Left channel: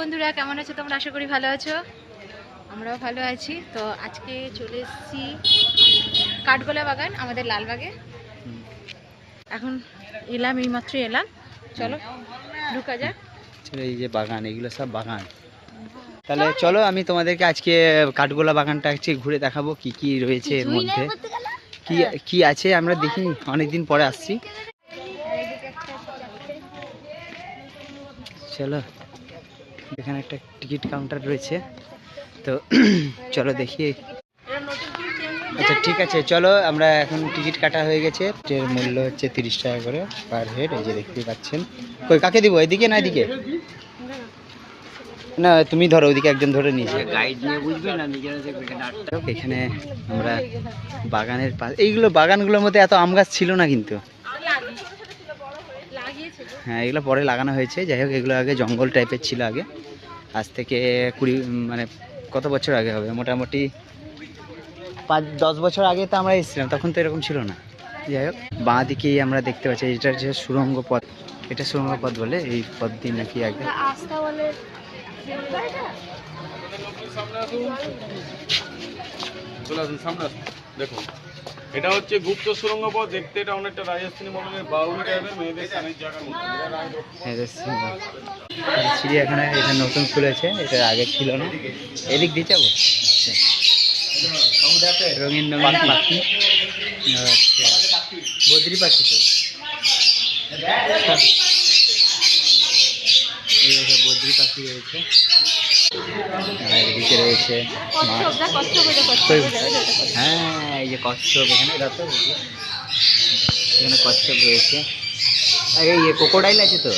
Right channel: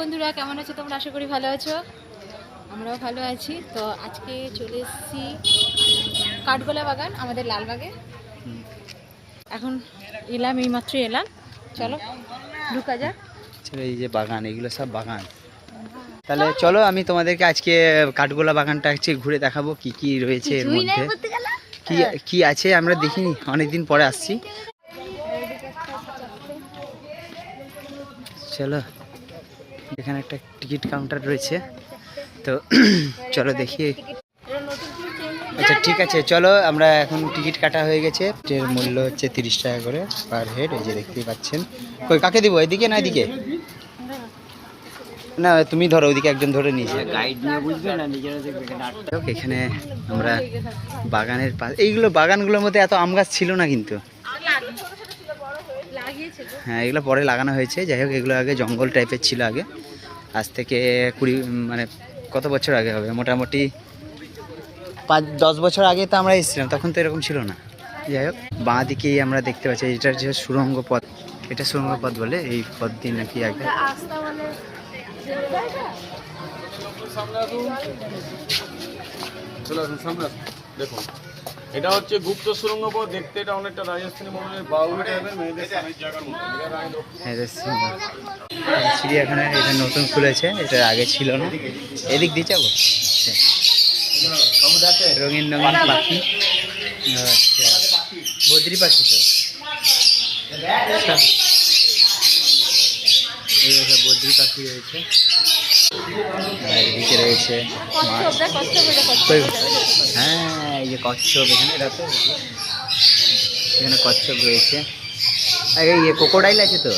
বন্ধুরা, কেমন আছো তোমরা? আশা করি ভালো আছো, আমরাও ভালো আছি। তো আজকে চলে এসেছি কাঠগোলা বাগান, আমাদের লালবাগে। এখন এলাম, এইমাত্র এলাম। চলো ঢুকা যাক। চলো, এই যে বাগান, এগুলো সব বাগান। তাহলে চলো আমি তোমাদেরকে আজকে কাঠগোলা বাগানটা আজকে ঘুরে দেখাবো কি কি রয়েছে এর মধ্যে, কি কি আছে আমরা দেখিনি, অনেকদিন পরে আসছি। চলো, এখানে একটা টিকিট কাউন্টার রয়েছে, তো চলো দেখি। আচ্ছা ঠিক আছে, চলো আমরা এখন টিকিট কাটা হয়ে গেছে। এর মূল্য হচ্ছে 30 টাকা করে পার হেড। এই যে দেখতেই পাচ্ছেন। কই কাকে দিব, এদিকে না এদিকে? না তুমি ধরো, ওইদিকে একজন ধরে নিয়েছে, গাইড নিয়ে বুঝবে না, নিজেরা দেখবে। এখানে আমরা বাগানের এইগুলো বাগানগুলোর মধ্যে এত আম গাছ ছিল না কিন্তু। হ্যাঁ, এগুলো পরে লাগানো হয়েছে। যাই হোক, এগুলো আগে জঙ্গল টাইপের ছিল আগে। আজ থেকে 20 কত বছর আগে হবে, মোটামুটি 5-10 বছর আগে তো আমরা এসেছিলাম, তখন তো এরকম ছিল না। যাই হোক, বাঁ দিকেই আমরা দেখতে পাচ্ছি এটা যে সুড়ঙ্গ পথ, এটা সুড়ঙ্গ পথ বলে। এই পথ দিয়ে নাকি আগে দেখুন, এটা হচ্ছে গুপ্ত সুড়ঙ্গ পথ। দেখতে এটা অনেকটা রাজস্থানী মডেলের বাউল টাইপের, মেয়েদের স্বামীর জায়গার মতো। চিড়িয়াখানা এটা নতুন খুলেছে, এটা আগে ছিল না। এদিক দিয়ে যাবো। আচ্ছা, রঙিন রঙিন পাখি। আচ্ছা, বদ্রি পাখি তো। এইসব বদ্রি পাখি রয়েছে। আর এদিকে রয়েছে মাছ। হ্যাঁ, এই যে কচ্ছপ, এখানে রাখো, এখানে কচ্ছপ রয়েছে। আর এই ক্রোকোডাইল আছে তো।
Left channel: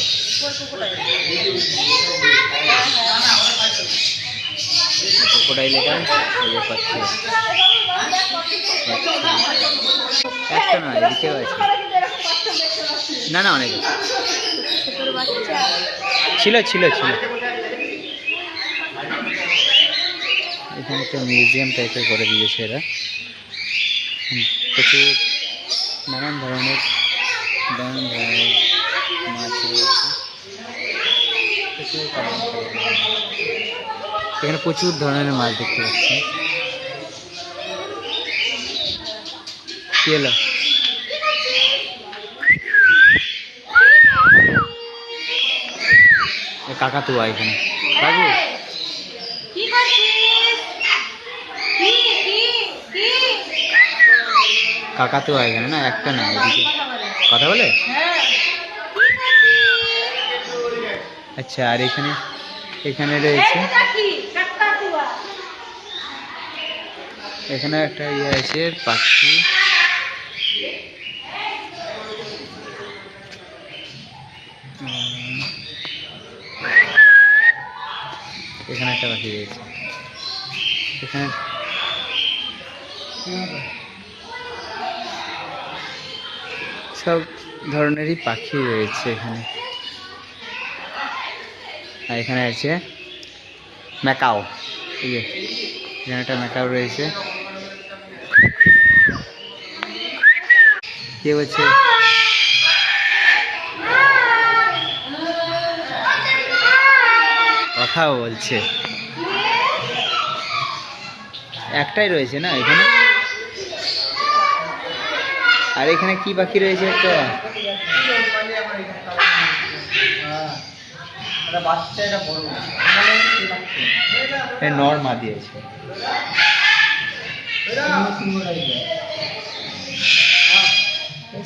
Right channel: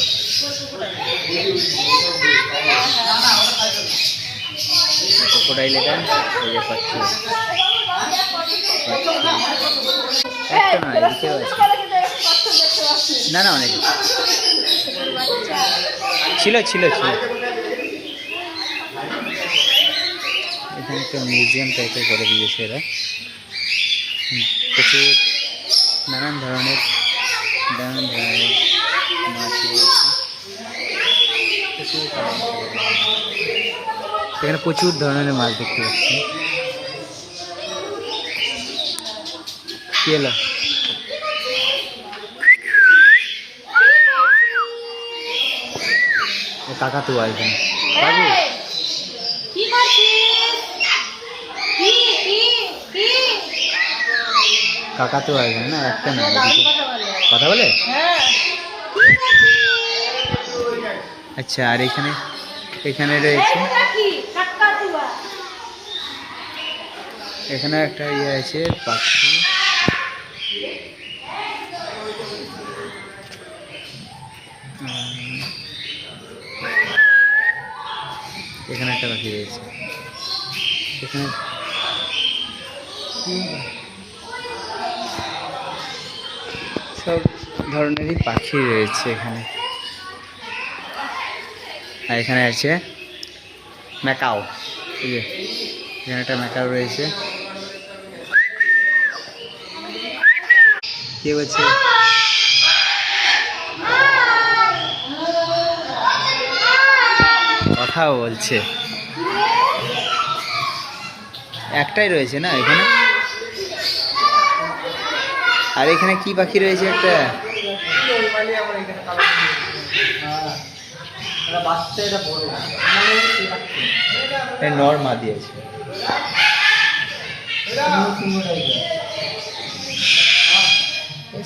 ক্রোকোডাইল এটা, এই যে কচ্ছপ। একটা নয়, এদিকেও আছে। না না, অনেক ছিল ছিল ছিল। এখানে একটা মিউজিয়াম টাইপের করে দিয়েছে এরা। প্রচুর নানান ধরনের মাছ রয়েছে। এখানে প্রচুর ধরনের মাছ দেখতে পাচ্ছি। কি হলো? কাকাতুয়া এখানে। বাবু কাকাতুয়া এখানে না, একটা না, এদিকে কথা বলে। আচ্ছা, আর এখানে এখানে রয়েছে, এখানে একটা ইয়ে আছে পাখি। এখানে একটা পাখি রয়েছে। এখানে সব ধরনেরই পাখি রয়েছে এখানে। আর এখানে আছে ম্যাকাও। এই যে এখানে একটা ম্যাকাও রয়েছে। কে বলছে? কথাও বলছে। একটাই রয়েছে না এখানে। আর এখানে কি পাখি রয়েছে? একটা নর্মা দিয়েছে।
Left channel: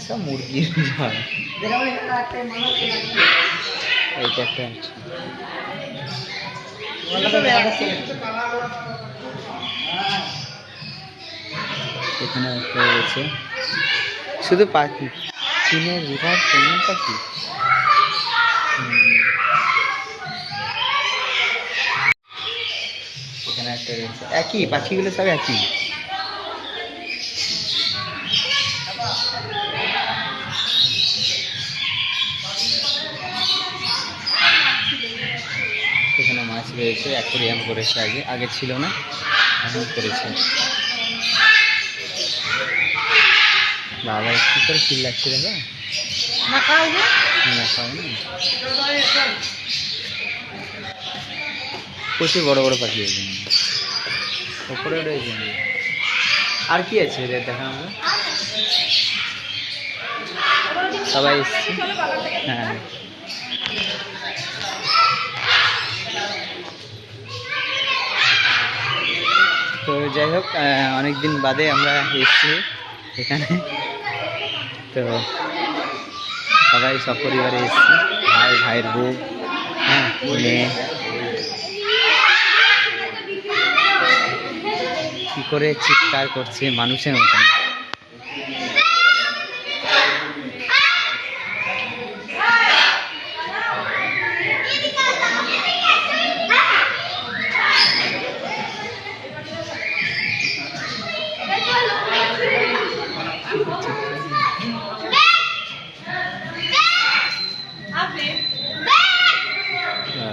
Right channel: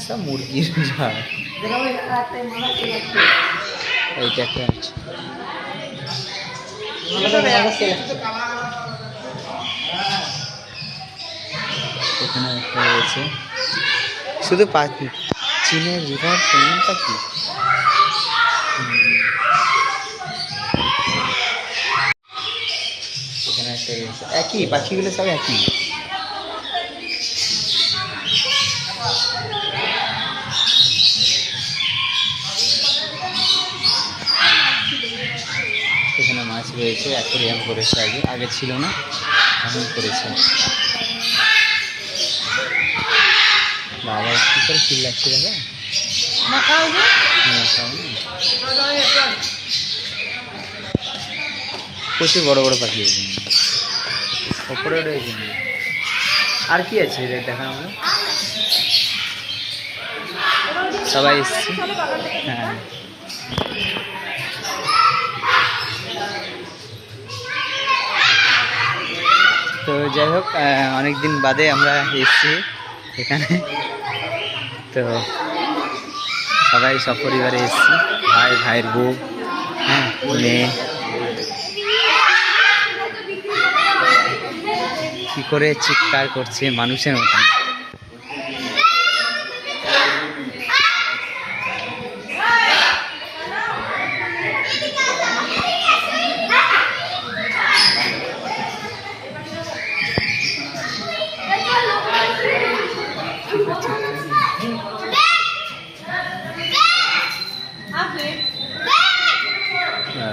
সব মুরগির ঝাড়। এইটা একটা আছে। এখানে একটা রয়েছে। শুধু পাখি, চীনের রিভার পেঙ্গুইন পাখি। এখানে একটা রয়েছে। একই পাখিগুলো সব একই। এখানে মাছ রয়েছে, অ্যাকোরিয়াম করেছে, আগে আগে ছিল না, এখন করেছে। বাবা কি করে ফিল লাগছে দাদা। প্রচুর বড় বড় পাখি আছে ওপরে রয়েছে। আর কি আছে এদের দেখা আমরা সবাই এসছি। হ্যাঁ তো যাই হোক অনেক দিন বাদে আমরা এসছি এখানে। তো সবাই সপরিবারে এসছি, ভাই, ভাইয়ের বউ, হ্যাঁ, মেয়ে। কি করে চিৎকার করছে মানুষের মতন।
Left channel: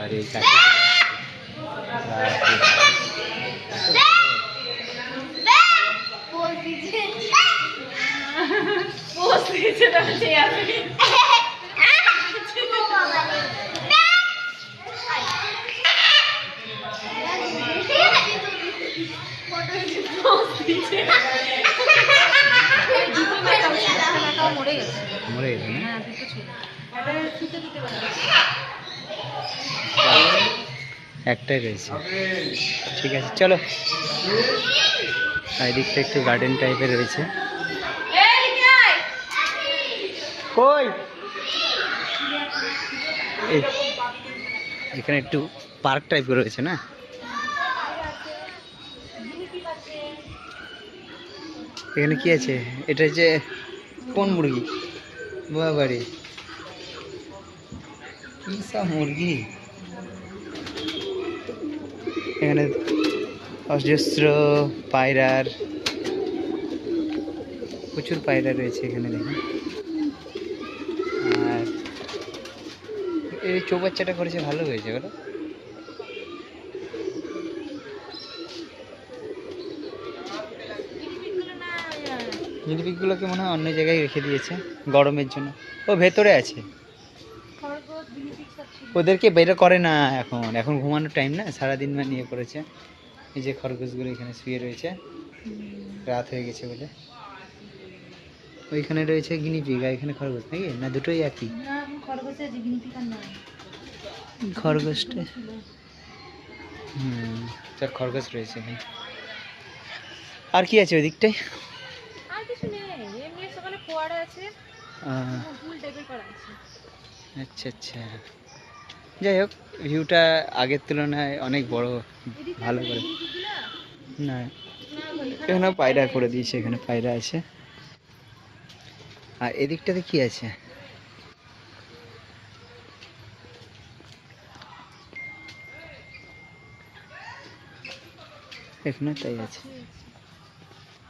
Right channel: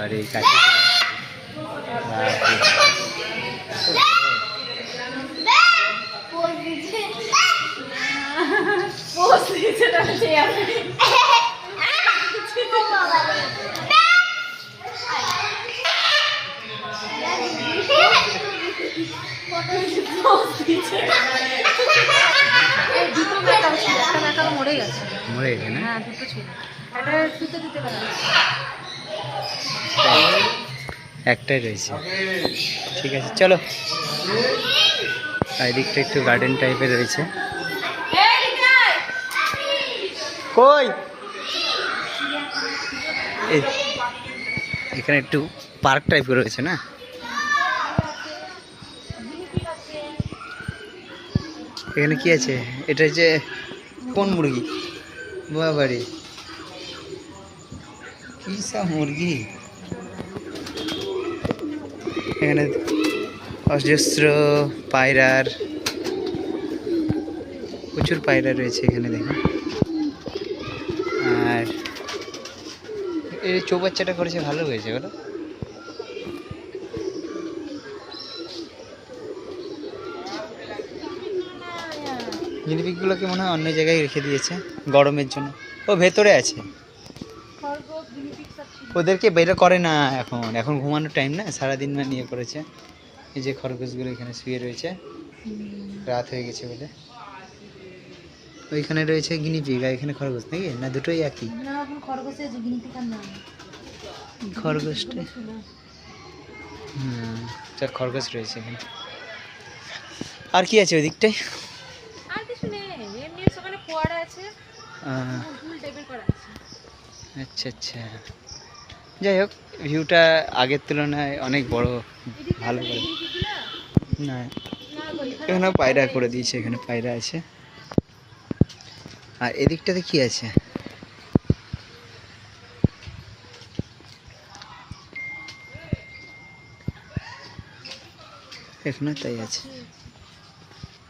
আর এই কাছে মরে গেছে, মরে গেছে না? হ্যাঁ দুটো ছিল, একটা শুতে দিতে পারে। একটাই রয়েছে। ঠিক আছে চলো। আর এদিকটা একটু গার্ডেন টাইপের রয়েছে। কই এখানে একটু পার্ক টাইপের রয়েছে না? এখানে কি আছে? এটা যে কোন মুরগি? বাবারে কি সব মুরগি! এখানে অজস্র পায়রার, প্রচুর পায়রা রয়েছে এখানে দেখুন। আর এই চৌবাচ্চাটা করেছে, ভালো হয়েছে বলো। গিনিপিগগুলোকে মনে হয় অন্য জায়গায় রেখে দিয়েছে গরমের জন্য। ও ভেতরে আছে, ওদেরকে বের করে না এখন, এখন ঘুমানোর টাইম না, সারাদিন নিয়ে করেছে। এই যে খরগোশগুলো এখানে শুয়ে রয়েছে, রাত হয়ে গেছে বলে। ওইখানে রয়েছে গিনিপিগ আর এখানে খরগোশ, নাকি না দুটোই একই? খরগোশটা খরগোশ রয়েছে এখানে। আর কি আছে ওই দিকটায়? আর কিছু নেই, এমনি ওখানে ফোয়ারা আছে, পুল টাইপের করা আছে। আচ্ছা আচ্ছা, যাই হোক ভিউটা আগের তুলনায় অনেক বড়, ভালো করে। না এখানে পায়রা করে দিয়েছে, এখানে পায়রা আছে। আর এদিকটাতে কি আছে? এখানে তাই আছে।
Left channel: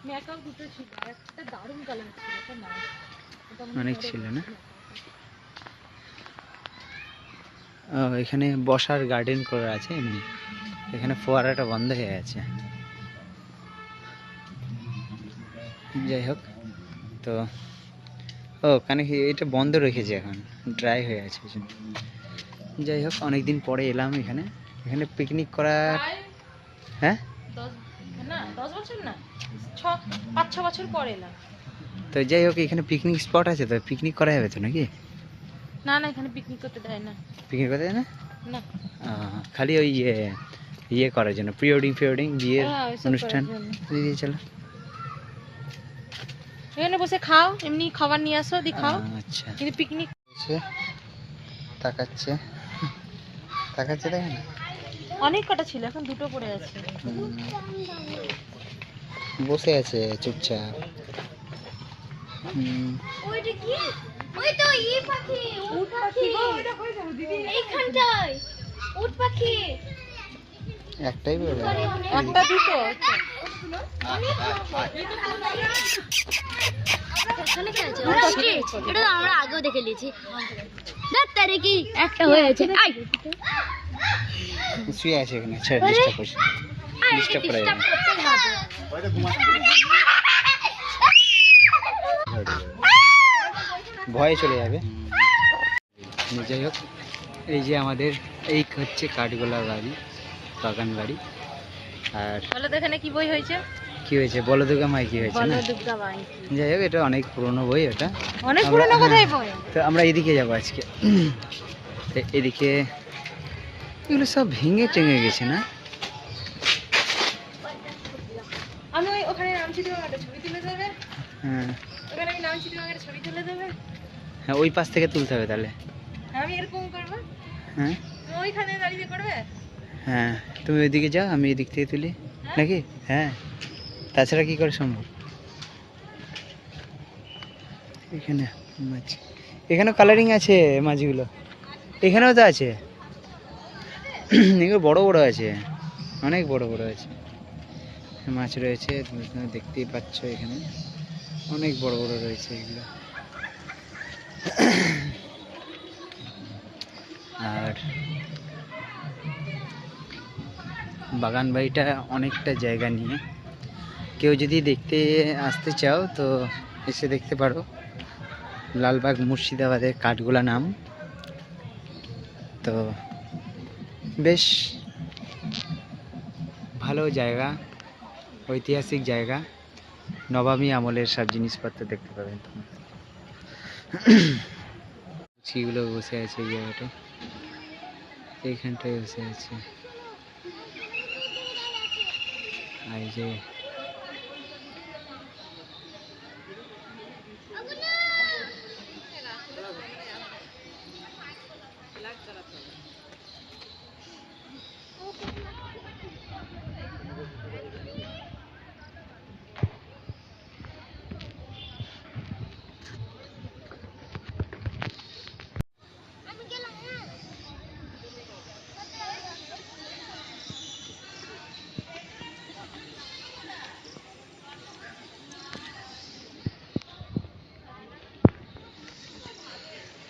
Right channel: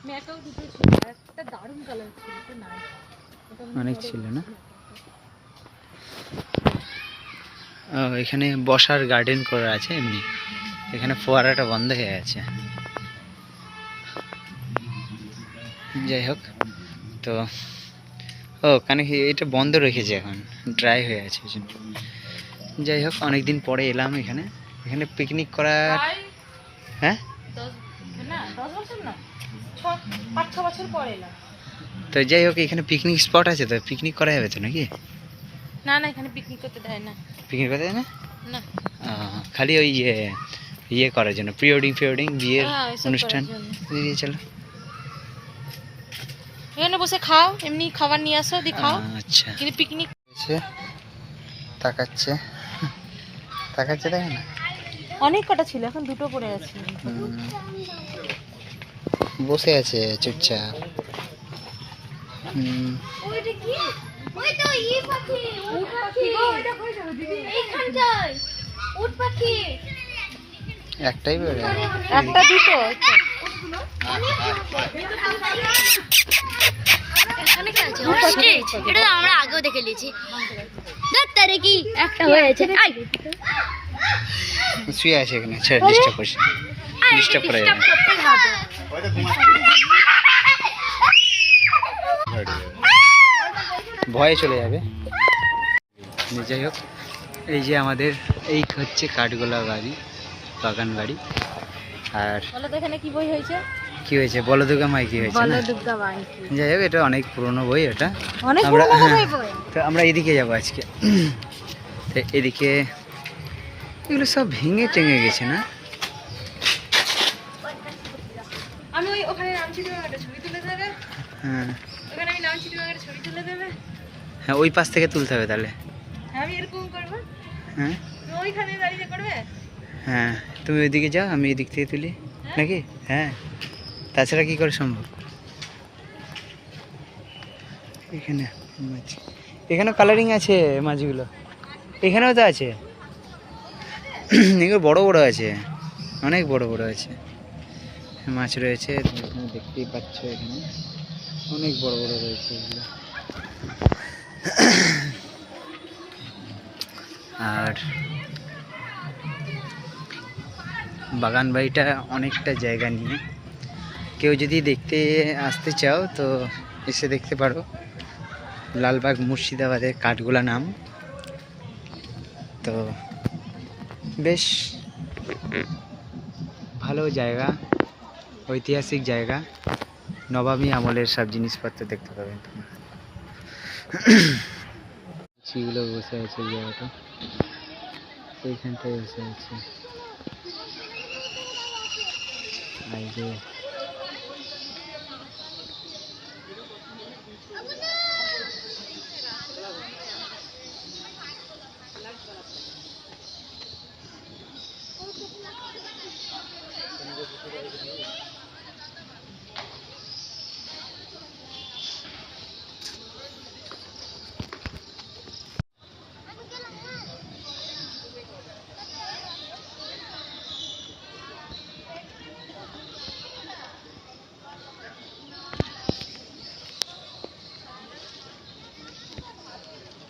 ম্যাকাও দুটো ছিল, একটা দারুণ কালার ছিল, এটা না অনেক ছিল না? ও এখানে বসার গার্ডেন করা আছে এমনি, এখানে ফোয়ারাটা বন্ধ হয়ে আছে। যাই হোক, তো ও কানে এটা বন্ধ রেখেছে, এখন ড্রাই হয়ে আছে। যাই হোক অনেক দিন পরে এলাম এখানে, এখানে পিকনিক করার। হ্যাঁ 10 বছর না, 5-6 বছর পরে এলাম। তো যাই হোক এখানে পিকনিক স্পট আছে, তো পিকনিক করা যাবে তো নাকি? না না, এখানে পিকনিক করতে দেয় না। পিকনিক করতে দেয় না? না, খালি ওই ইয়ে করার জন্য, প্রি ওয়েডিং বিয়ের হ্যাঁ, ওইসব অনুষ্ঠান। করার জন্য। দিয়ে চলো এখানে বসে খাও, এমনি খাবার নিয়ে আসো, দি খাও। আচ্ছা কিন্তু পিকনিক তাকাচ্ছে তাকাচ্ছে, দেখে না? অনেক কটা ছিল, এখন দুটো পড়ে আছে। বসে আছে চুপচাপ। ওইটা কি? ওই তো ই পাখি, উট পাখি। এইখানটায় উট পাখি। একটাই বেরোয়। একটা দুটো এখানে কি আছে? অস্ট্রিচ। এটা তো আমরা আগেও দেখে নিয়েছি। তারে কি একটা হয়েছে? আই শুয়ে আছে এখানে, ছেড়ে ডিস্টার্ব করছে, ডিস্টার্ব করা যাবে না। করতে হবে। ভয়ে চলে যাবে। যাই হোক এই যে আমাদের এই হচ্ছে কাঠগোলা বাড়ি, বাগান বাড়ি। আর বলো তো এখানে কি বই হয়েছে? কি হয়েছে? বলদুর্গা মাই কি হয়েছে বলো না? দুর্গা মাই কি? যাই হোক, এটা অনেক পুরনো বই এটা। অনেক আমরা পুরনো কোথায় বই? তো আমরা এদিকে যাবো আজকে। তো এদিকে এগুলো সব ভেঙে টেঙে গেছে না? আমি ওখানে নামছি, তুমি একটা ছবি তুলে দেবে? হ্যাঁ ওখানে আমি নামছি, তুমি একটা ছবি তুলে দেবে? হ্যাঁ, ওই পাশ থেকে তুলতে হবে তাহলে। আমি এরকম করবো, হ্যাঁ তুমি ওইখানে দাঁড়িয়ে করবে? হ্যাঁ, তুমি ওইদিকে যাও, আমি এদিক থেকে তুলি নাকি? হ্যাঁ, তাছাড়া কি করে সম্ভব? এখানে মাছ, এখানেও কালারিং আছে মাছগুলো, এখানেও তো আছে। এগুলো বড় বড় আছে, অনেক বড় বড় আছে মাছ রয়েছে। তুমি এখানে দেখতেই পাচ্ছ, এখানে অনেক বড় বড় রয়েছে এগুলো। আর বাগান বাড়িটা অনেকটা জায়গা নিয়ে, কেউ যদি দেখতে আসতে চাও তো এসে দেখতে পারো। লালবাগ মুর্শিদাবাদের কাঠগোলা নাম। তো বেশ ভালো জায়গা, ঐতিহাসিক জায়গা, নবাবী আমলের সব জিনিসপত্র দেখতে পাবেন তোমরা। চিগুলো বসে আছে এই জায়গাটা, এইখানটায় বসে আছে। এই যে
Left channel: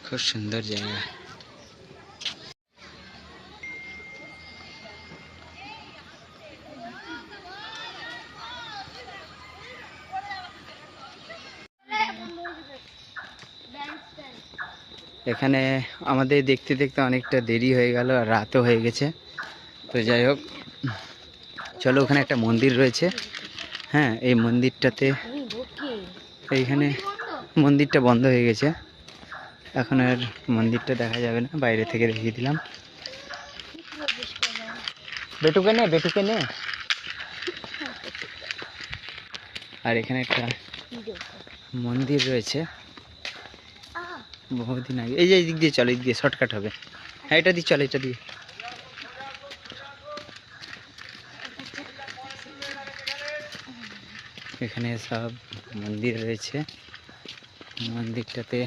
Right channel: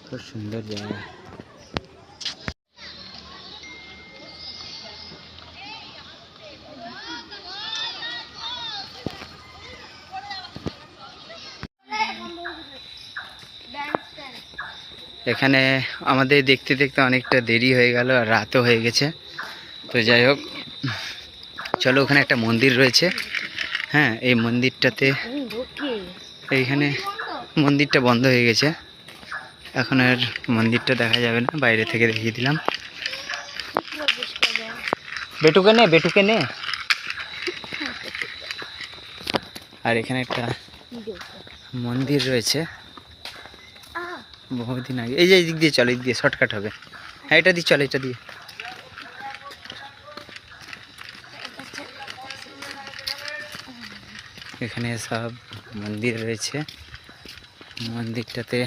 খুব সুন্দর জায়গা। এখানে আমাদের দেখতে দেখতে অনেকটা দেরি হয়ে গেল আর রাতও হয়ে গেছে। তো যাই হোক, চলো, ওখানে একটা মন্দির রয়েছে। হ্যাঁ, এই মন্দিরটাতে, এইখানে মন্দিরটা বন্ধ হয়ে গেছে, এখন আর মন্দিরটা দেখা যাবে না, বাইরে থেকে দেখিয়ে দিলাম। বেটুকে নে, বেটুকে নে। আর এখানে একটা মন্দির রয়েছে বহুদিন আগে। এই যে এই দিক দিয়ে চলো, এই দিক দিয়ে শর্টকাট হবে। হ্যাঁ, এটা দিয়ে চলো, এটা দিয়ে। এখানে সব মন্দির রয়েছে। মন্দিরটাতে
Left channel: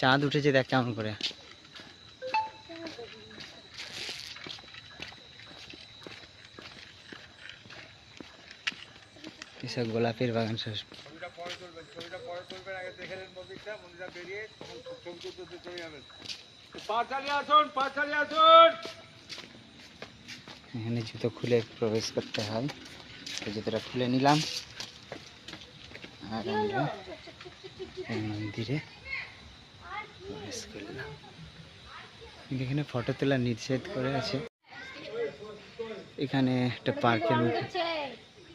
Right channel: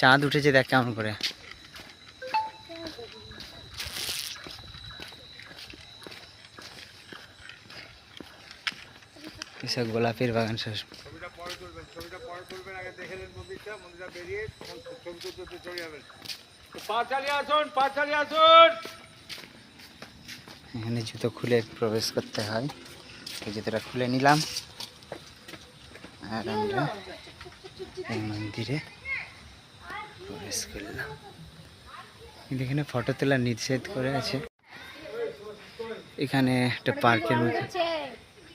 চাঁদ উঠেছে, দেখ কেমন করে। এসব গোলাপের বাগান সব। এখানে জুতো খুলে প্রবেশ করতে হয়, তো জুতোটা খুলে নিলাম আর আমরা এই মন্দিরে প্রবেশ করলাম। কিন্তু এখানে ফটো তোলার নিষেধ করে আছে। এখানে একটা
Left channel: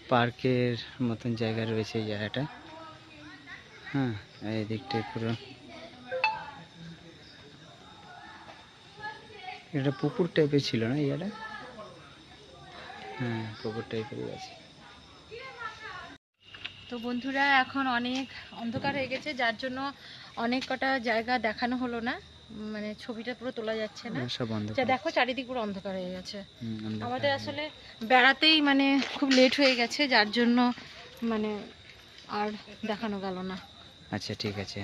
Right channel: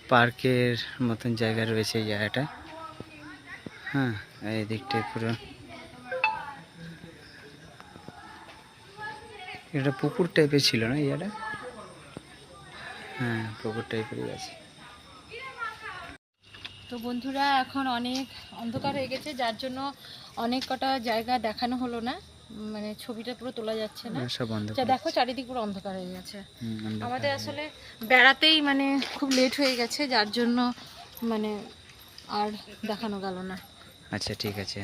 পার্কের মতন জায়গা রয়েছে এই জায়গাটায়। হ্যাঁ, এই দিকটায় পুরো এটা পুকুর টাইপের ছিল না এই জায়গাটা? হ্যাঁ, পুকুর টাইপেরই আছে। তো বন্ধুরা, এখন অনেক অন্ধকার হয়ে গেছে, যার জন্য অনেক কটা জায়গা দেখানো হলো না, মানে ছবিটা পুরো তোলা যাচ্ছে না। সব বন্ধ যা দেখো, চারিদিক পুরো অন্ধকার হয়ে গেছে। অন্ধকার আমাদের হয়ে আসলে বেড়াতেই মানে খুব লেট হয়ে গেছে, যার জন্য মানে আর দেখানো গেল না। আচ্ছা, ঠিক আছে।